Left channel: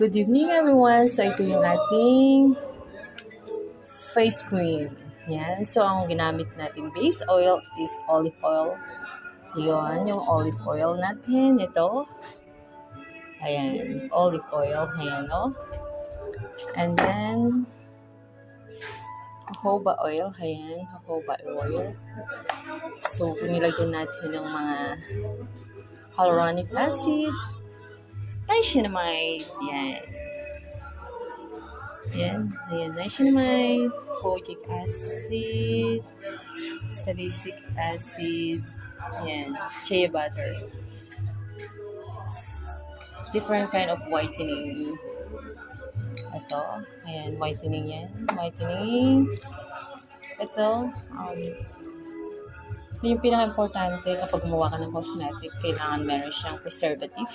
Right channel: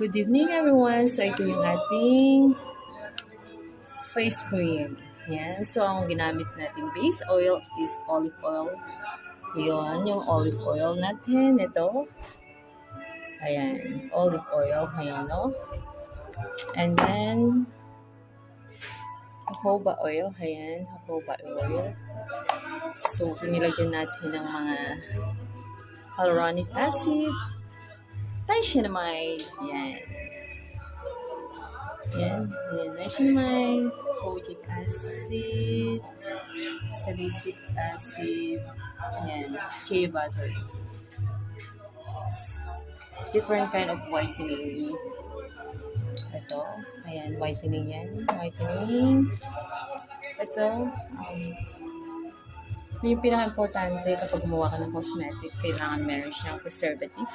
Good evening everyone. So ito yung ating face cream. Yan. So ang ginamit natin base oil is olive oil. Yun, yung olive oil natin. Ito. Ayan. Olive oil. Ayan, no? And then jojoba oil. Ayan. Jojoba oil. So, nilagyan natin ng mga hyaluronic acid, niacinamide, yan. Yan, ayan, niacinamide, kojic acid, salicylic acid, yan, shea butter. Different kind of whitening. Ito, ayan, whitening yan, whitening. Ito, ito yung pinaka-importante kapag gumawa ka ng cosmetic, kailangan meron siyang preservative.